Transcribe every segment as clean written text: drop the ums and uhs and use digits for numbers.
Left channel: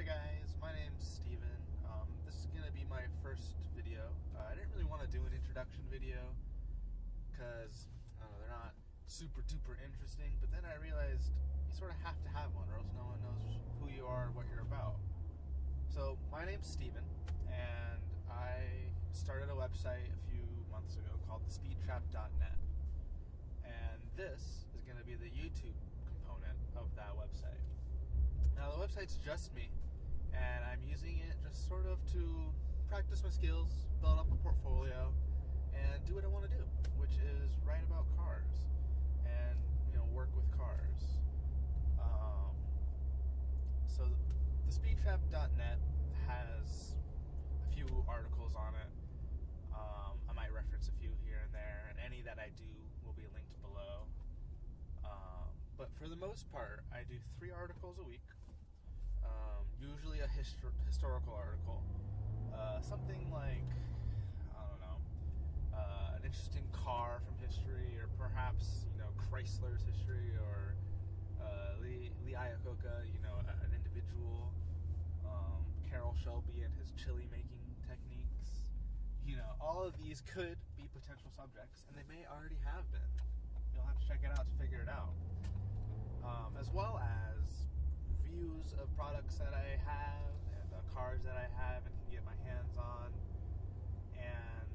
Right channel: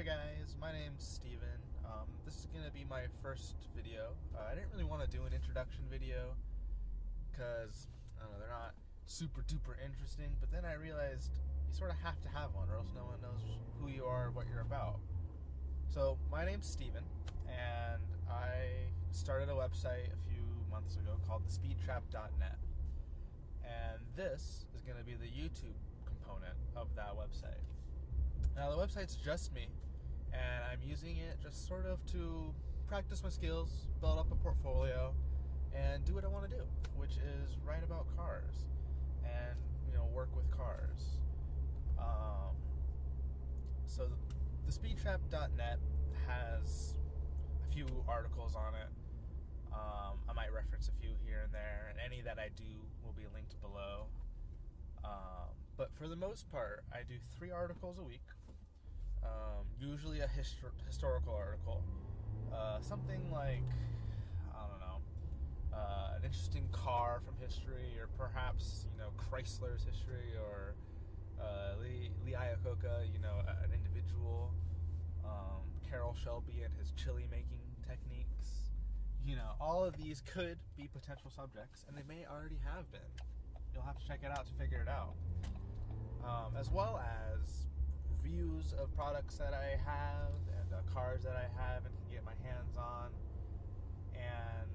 there guys, my name's Steven. This is going to be my first video. I didn't really want to do an introduction video because, I don't know, they're not super duper interesting, but then I realized you sort of have to have one or else no one knows who you are, what you're about. So, my name's Steven, and I started a website a few months ago called TheSpeedTrap.net. And this is going to be the YouTube component of that website. Now, the website's just me, and I'm using it just sort of to practice my skills, build up a portfolio, and do what I want to do, which is write about cars and, work with cars. So TheSpeedTrap.net has a few articles on it. I might reference a few here and there, and any that I do will be linked below. But for the most part, I do 3 articles a week. Usually a historical article. Something like, I don't know, an interesting car from history, or perhaps, Chrysler's history, or Lee Iacocca, an individual. Carroll Shelby and his chili making techniques. All of these could be potential subjects, and they may already have been. You'll have to check it out to figure it out. As well as reviews of products that I have, and cars that I have and can get my hands on. And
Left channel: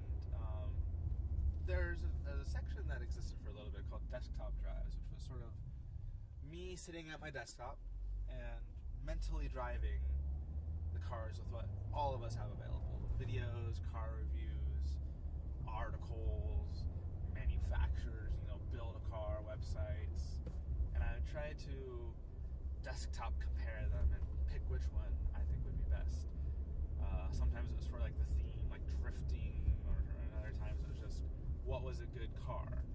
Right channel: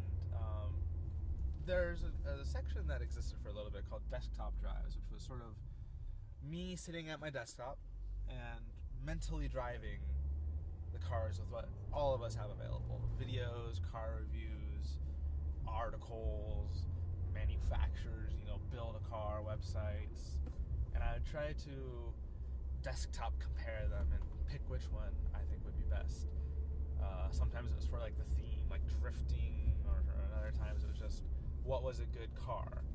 there's a section that existed for a little bit called desktop drives, which was sort of me sitting at my desktop and mentally driving the cars with what all of us have available. Videos, car reviews, articles, manufacturers, build a car, websites. And I would try to desktop compare them and pick which one I think would be best. Sometimes it was for the theme, like drifting, or other times it was just what was a good car.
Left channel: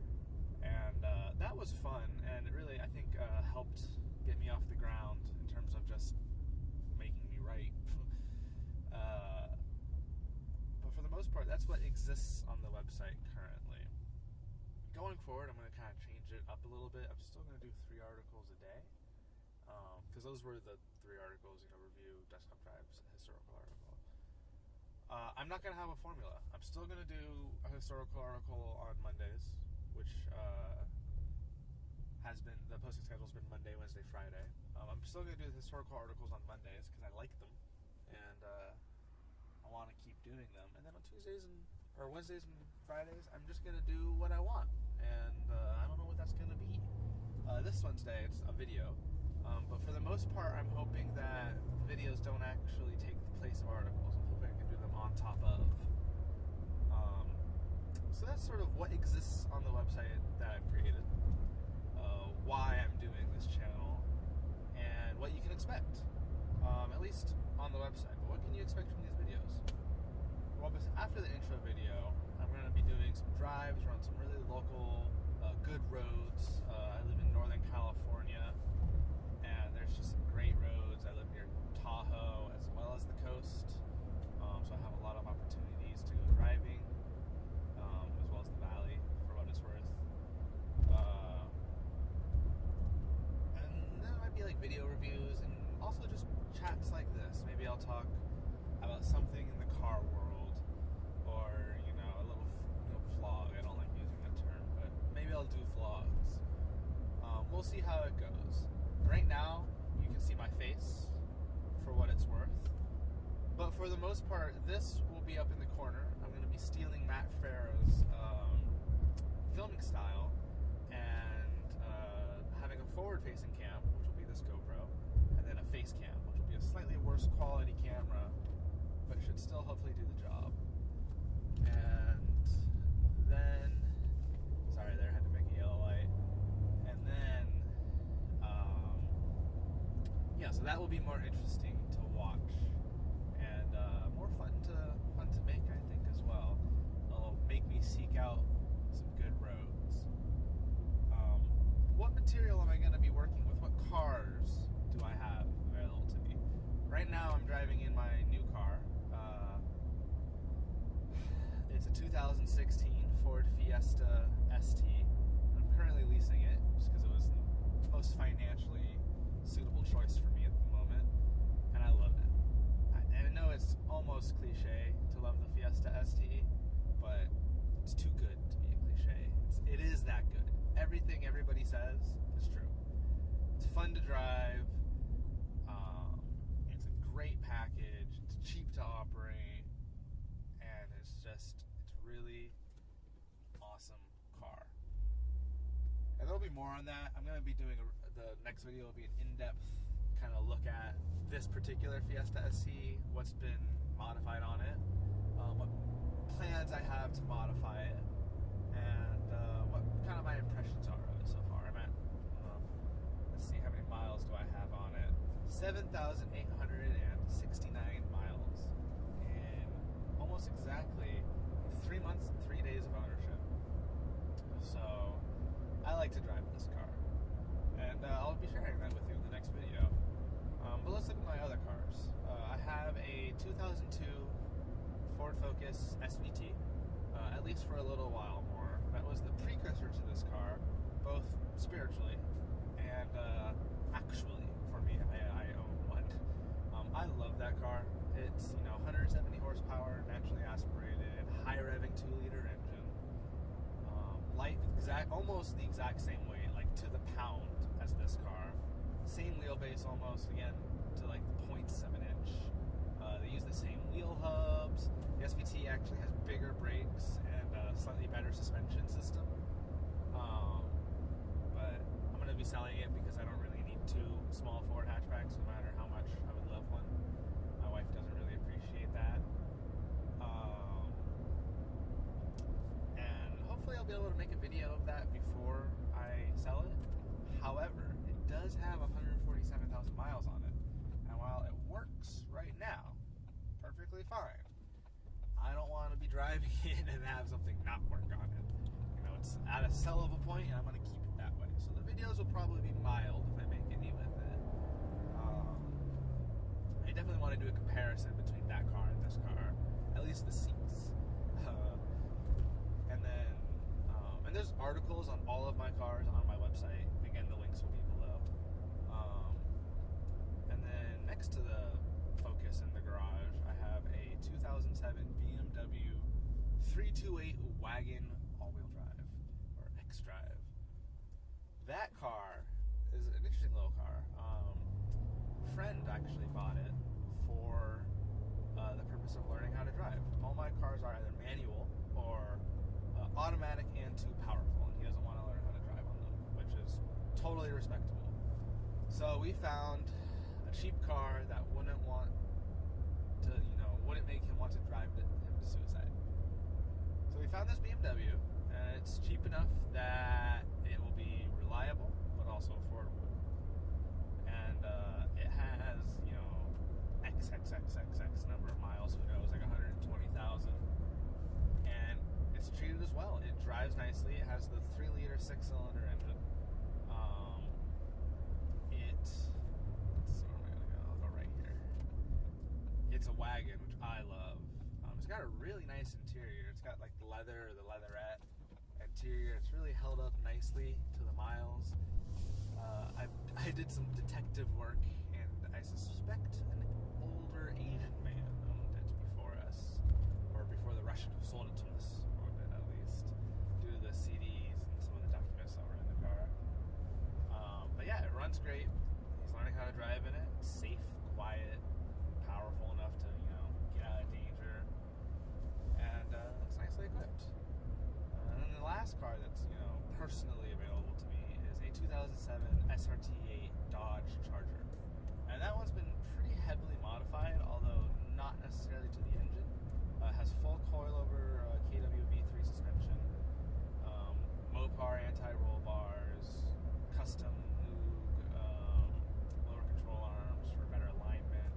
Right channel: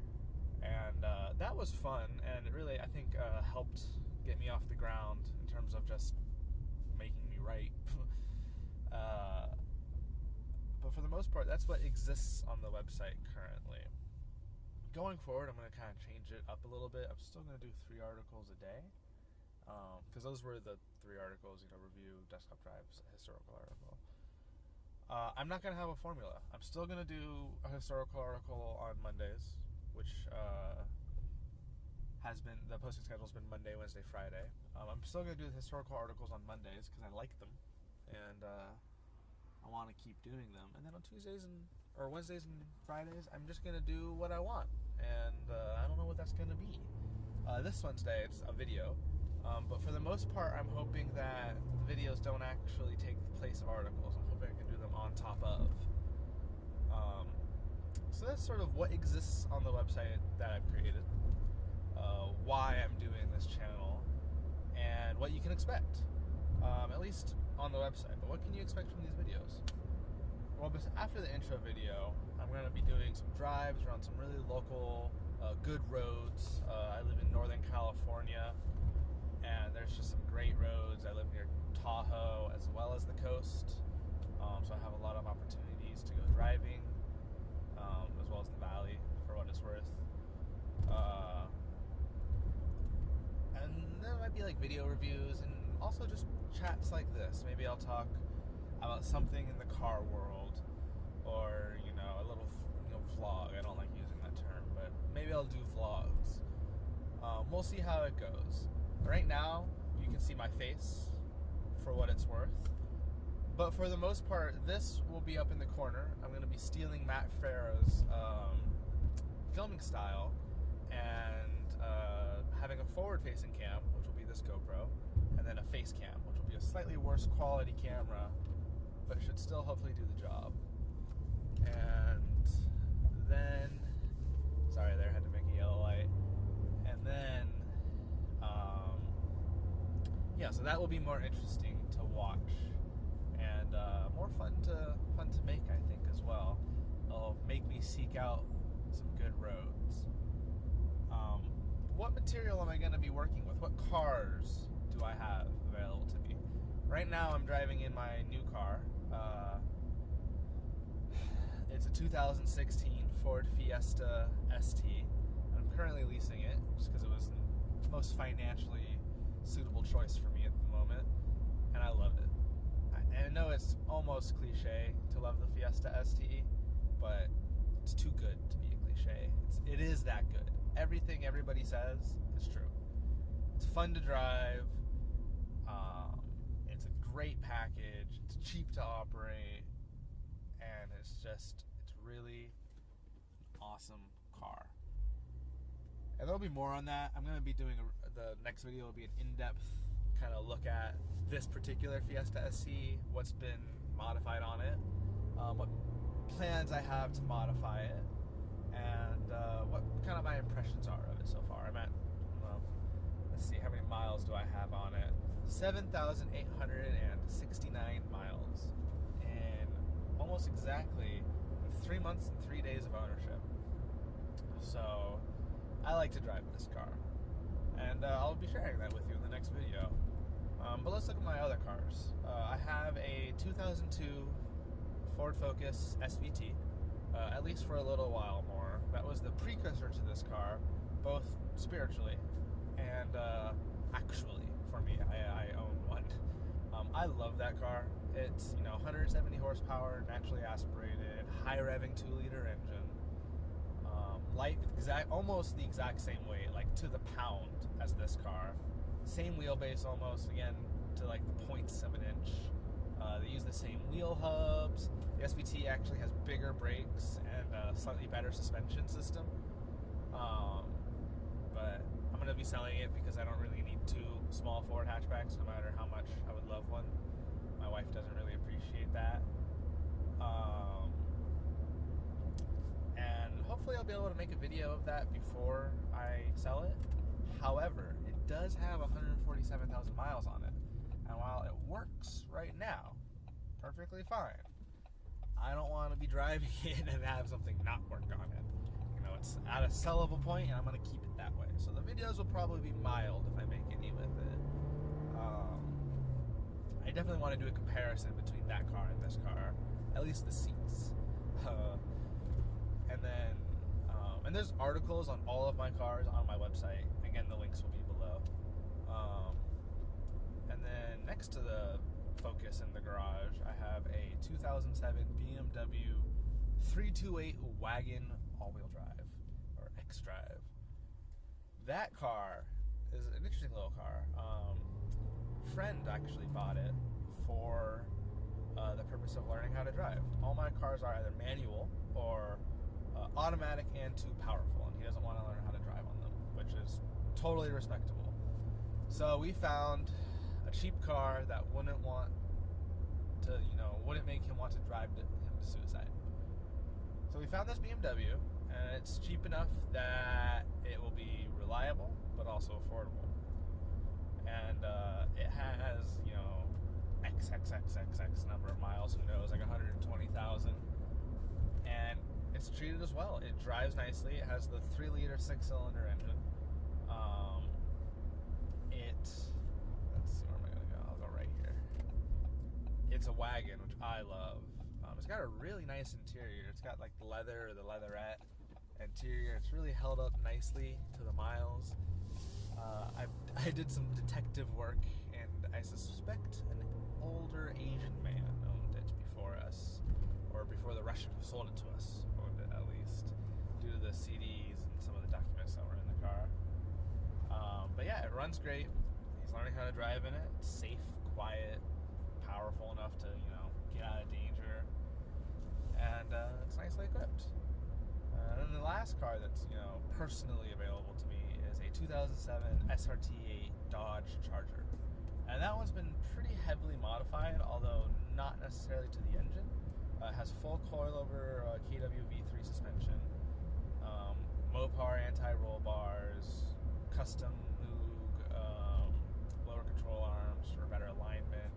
And that was fun, and it really, I think, helped get me off the ground in terms of just making me write. But for the most part, that's what exists on the website currently. Going forward, I'm going to kind of change it up a little bit. I'm still going to do 3 articles a day, because those were the 3 articles, review, desktop drives, historical article. I'm not going to have a formula. I'm still going to do a historical article on Mondays, which has been, the posting schedule's been Monday, Wednesday, Friday. I'm still going to do the historical articles on Mondays because I like them, and I want to keep doing them. And then on Tuesdays or Wednesdays and Fridays, I'm just going to do what I want, and I don't know what that's going to be. This Wednesday, it's a video, but for the most part, I'm hoping that the videos don't actually take the place of articles. I'm hoping I can do them on top of. So that's sort of what exists on the website that I've created, why I'm doing this channel, and what you can expect, at least on the website. But what can you expect from these videos? Well, after the intro video, I'm going to be doing some drives around some really local, good roads. I live in Northern California, and there's just some great roads. I live near Tahoe as well as the coast, so I have a lot of opportunities to go driving, as well as the valley, for what it's worth. And there might be video reviews, and also just chats like this. Maybe I'll talk about something in the car world, or a little vlog. I don't like using that term, but maybe I'll do vlogs. We'll see how it goes. Right now, you can see my face for what it's worth, but for the most part, this will be up in the corner. I'm going to be stealing Matt Farrow's filming style and having a forward-facing cam, which will be this GoPro, and then a face cam, which will be a slightly worse quality camera, but it should still hopefully do the job. And then, sorry there, had to make a yellow light. And then, so that will be more interesting to watch, and more fun to make, I think, as well. It'll make me seek out some good roads. What material am I going to be working with? What cars do I have available to me? Right now, I'm driving in my new car. It's a 2016 Ford Fiesta ST. I'm currently leasing it just because it was the most financially suitable choice for me at the moment, and I love it. almost cliche to love the Fiesta ST, but it's too good to be a cliche. It is that good. Everything everybody says is true. It's fun to drive. It's a great package. It's cheap to operate, and it's really awesome car. And there'll be more on that. I'm going to be doing the next video will be an in-depth kind of look at this particular Fiesta SC, what's been modified on it, what plans I have to modify it, and what kind of my impressions are of it so far. I'm at, let's see, how many miles do I have on it? 7,869 miles in almost exactly 3 months and 3 days of ownership. So I like to drive this car, and I'll be sharing that with you in the next video. But let's look at my other cars. I have a 2002 Ford Focus SVT, at least for a little while more. That was the precursor to this car, both spiritually and actually for me. I own one. I love that car. It's 170 horsepower, naturally aspirated, high revving 2-liter engine. Almost the exact same weight, like to the pound, as this car. Same wheelbase almost, again, to like the 0.7 inch. They use the same wheel hubs. The SVT actually has bigger brakes and a slightly better suspension system. But I'm going to be selling it because I don't really need 2 small Ford hatchbacks, no matter how much I would love one. My wife doesn't really appreciate that. And hopefully I'll be able to make a video of that before I sell it. However, it does have 147,000 miles on it. And while it works right now perfectly fine, I don't want to be driving it and have something not work on it. It's at a sellable point, and I'm going to keep it that way. So the videos will probably be mild if I make any with it. I definitely want to do a comparison between that car and this car, at least the seats. And there's articles on all of my cars on my website. Again, the links will be below. And then next to the Focus in the garage, I have a 2007 BMW 328 wagon all-wheel drive, or X-Drive. That car is an interesting little car. A friend actually bought it for the purpose of learning how to drive. All my cars are either manual or automatic and too powerful, and he doesn't want to learn how to drive on them, which is totally respectable. So we found a cheap car that wouldn't make him want to drive him to suicide. So we found this BMW, and it's cheap enough that it will be reliable, but also affordable. And it has, XXXXX number of miles, who knows, like 120,000. And it's treated as well. It drives nicely. It has the 3-liter 6-cylinder engine. Let's see, where am I going to go? I'll go right here. It's a wagon, which I love. It's got a really nice interior. It's got like the leatherette interior. It's really held up nicely to the miles. I did some detective work, and I suspect an older Asian man owned it before us, or before the Russian who sold it to us owned it, at least, due to the CDs and some of the documents that were in the car. But yeah, it runs great. He's learning how to drive in it. It's safe, quiet, powerful enough to get out of danger, and it's nicely equipped. And then the last car that's personally available to me is a 2007 SRT8 Dodge Charger, and that one's been pretty heavily modified, although not necessarily to the engine. It has full coilover KWV3 suspension, Mopar anti-roll bars, custom Moog lower control arms for better alignment,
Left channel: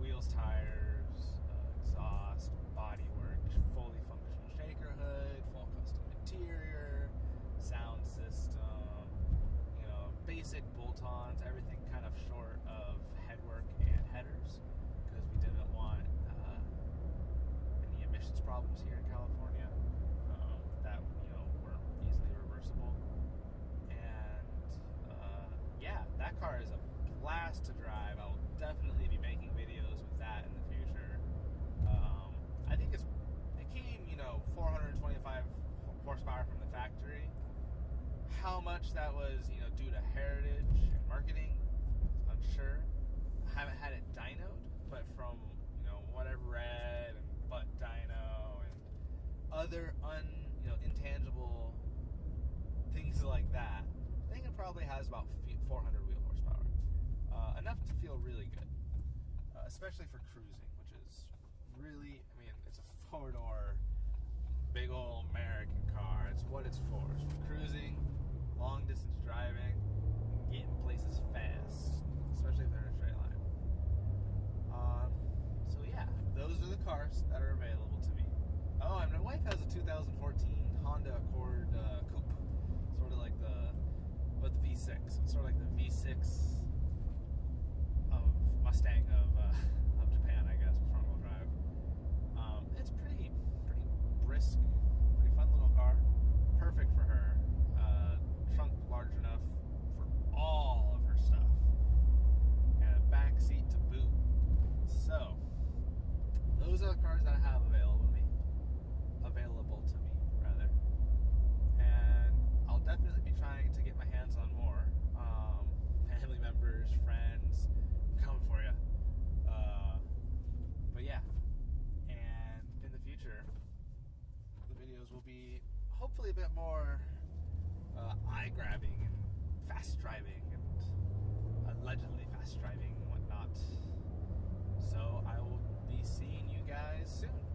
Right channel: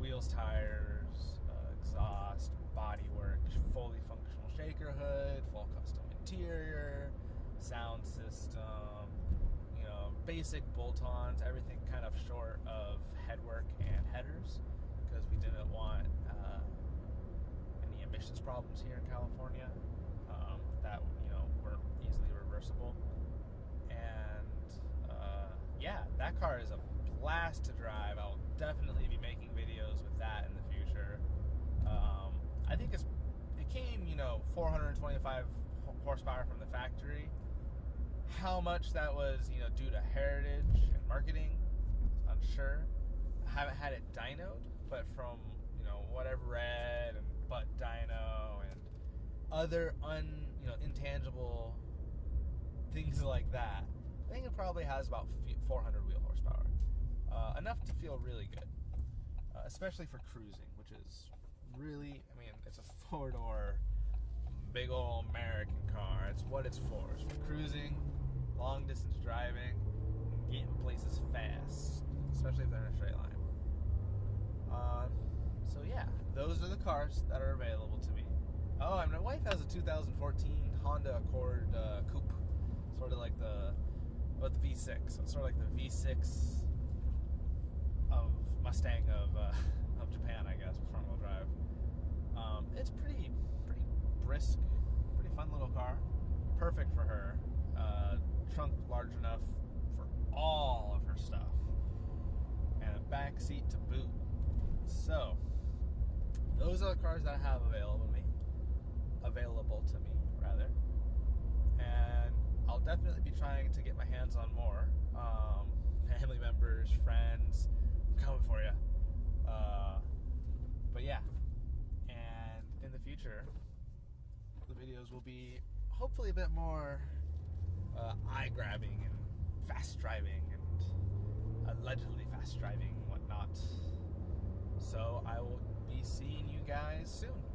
wheels, tires, exhaust, bodywork, fully functional shaker hood, full custom interior, sound system, basic bolt-ons, everything kind of short of headwork and headers, because we didn't want any emissions problems here in California that weren't easily reversible. And yeah, that car is a blast to drive. I'll definitely be making videos with that in the future. horsepower from the factory. How much that was, due to heritage and marketing, unsure. I haven't had it dynoed, but from, what I've read, and butt dyno and other intangible things like that, I think it probably has about 400 wheel horsepower. Enough to feel really good, especially for cruising, which is really, it's a four-door, big old American car. It's what it's for. It's for cruising, long-distance driving, getting places fast, especially if they're in a straight line. So yeah, those are the cars that are available to me. Oh, and my wife has a 2014 Honda Accord coupe, sort of like the V6. It's sort of like the V6 of Mustang of Japan, I guess, with front-wheel drive. It's pretty brisk, pretty fun little car. Perfect for her. Trunk large enough for all of her stuff, and a back seat to boot. So those are the cars that I have available to me, and I'll definitely be trying to get my hands on more. Family members, friends, I'm coming for you. But yeah, and in the future, the videos will be hopefully a bit more eye-grabbing and fast driving and allegedly fast driving and whatnot. So I will be seeing you guys soon.